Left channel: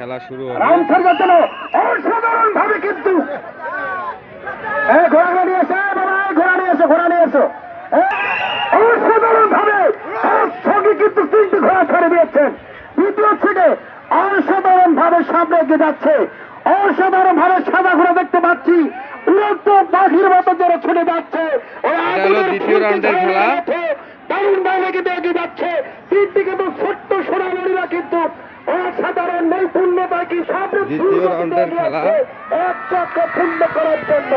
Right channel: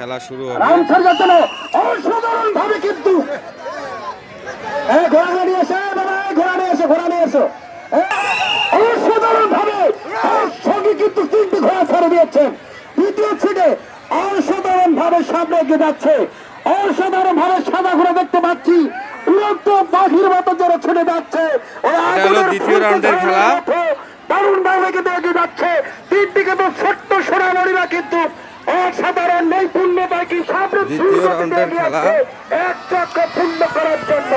খেলা শুরু হবে। অসাধারণ ভাবে কিন্তু। ঘোড়া নিয়ে এসে ঘোড়া নিয়ে এসো ঘোড়া নিয়ে এসো অসাধারণ ভাবে সঙ্গে কিন্তু তিনটি ঘোড়া ছেড়ে দিয়েছেন। দ্বিতীয় ছিটে অসাধারণ ভাবে সামনে এগিয়ে যাচ্ছে। অসাধারণ ভাবে সাদা ঘোড়া দেখতে পাচ্ছি। উড়ন্ত পাখির মতো যারা ছেড়ে যাচ্ছে। এটা হলো দ্বিতীয় রাউন্ডের খেলা। দারুণ ভাবে কিন্তু এগিয়ে যাচ্ছে। তিনটি কিন্তু ছোট্ট সোনামণিরা কিন্তু অসাধারণ নৈপুণ্যতায় কি সামনে দ্বিতীয় রাউন্ডের খেলা। এক চক্র পূর্ণ করার জন্য,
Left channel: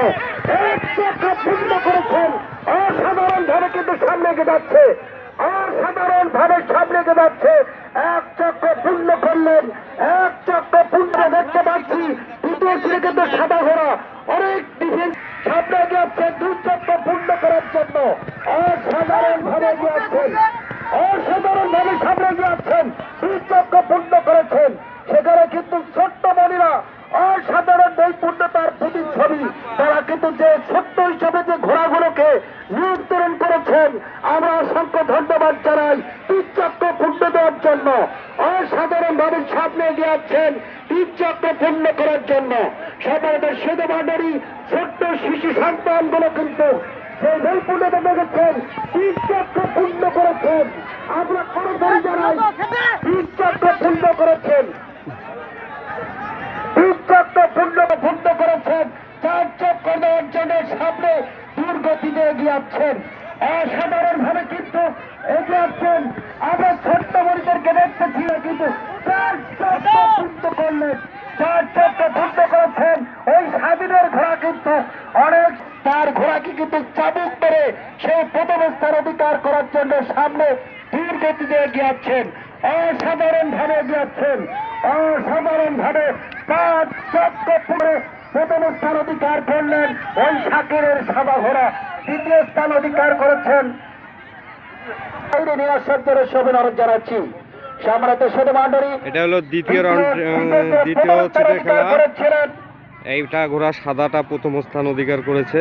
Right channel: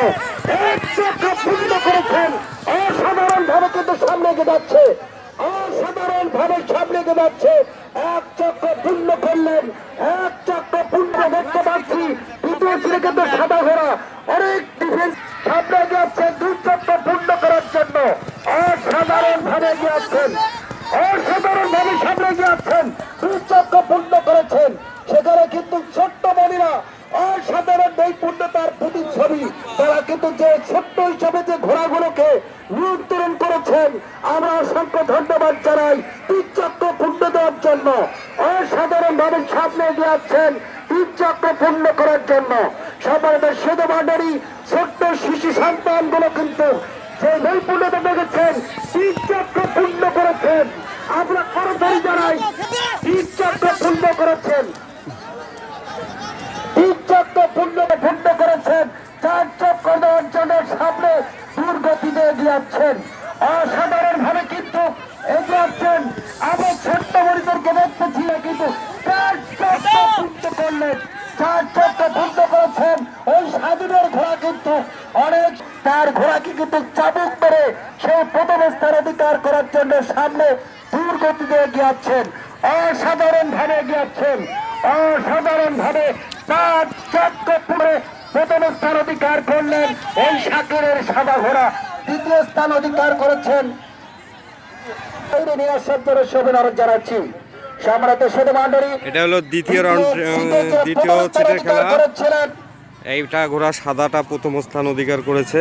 এক চক্র পূর্ণ করেছেন। অসাধারণ ভাবে কিন্তু সামনে এগিয়ে যাচ্ছে। অসাধারণ ভাবে সামনে এগিয়ে যাচ্ছে। এক চক্র পূর্ণ করলেন, এক চক্র পূর্ণ দেখতে পাচ্ছি। দ্বিতীয় ছিল কিন্তু সাদা ঘোড়া। অনেক টিফিন সামনে এগিয়ে যাচ্ছে দুই চক্র পূর্ণ করার জন্য। অসাধারণ ভাবে এগিয়ে যাচ্ছেন। অসাধারণ ভাবে সামনে এগিয়ে যাচ্ছেন। দুই চক্র পূর্ণ করেছেন। সেখানে কিন্তু অসাধারণ নৈপুণ্যতার প্রতিচ্ছবি। তারা কিন্তু যে ছোট্ট হিসাবে যে ঘোড়াগুলোকে নিয়ন্ত্রণ করেছেন, আমরা অসংখ্য ধন্যবাদ জানাই তিন চক্র পূর্ণ দেওয়ার জন্য। অসাধারণ ভাবে সামনে এগিয়ে যাচ্ছেন তিন চক্র পূর্ণ করার জন্য। সবাই শুধু মান্ডারি ছোট্ট শিশু সন্তানগুলো কিন্তু সেই নৈপুণ্যতা দেখেছেন তিন চক্র পূর্ণ করেছেন। আমরা করতালি জানাই তিন চক্র পূর্ণ করেছেন তিন চক্র পূর্ণ পূর্ণ করেছেন চার চক্র দেওয়ার জন্য সামনে দূর গতিতে এগিয়ে অসাধারণ ভাবে কিন্তু এগিয়ে যাচ্ছেন আমরা ছোট্ট মরিতরকে দেখতেছি না কিন্তু করলেন। ঘোড়া কিন্তু কিন্তু চাবুক করে সেই প্রথম স্থান অধিকার করার জন্য সামনে দূর গতিতে এগিয়ে অসাধারণ ভাবে এগিয়ে অসাধারণ ভাবে পাঁচ চক্র পুরে প্রথম স্থান অধিকার করলেন ওই সাগরের সাদা ঘোড়া। দ্বিতীয় স্থান অধিকার করেছেন জানাচ্ছি। এটা হলো দ্বিতীয় রাউন্ড দ্বিতীয় খেলা এইটা ঘোড়া সাদাটা প্রথম স্থান অধিকার করেছে।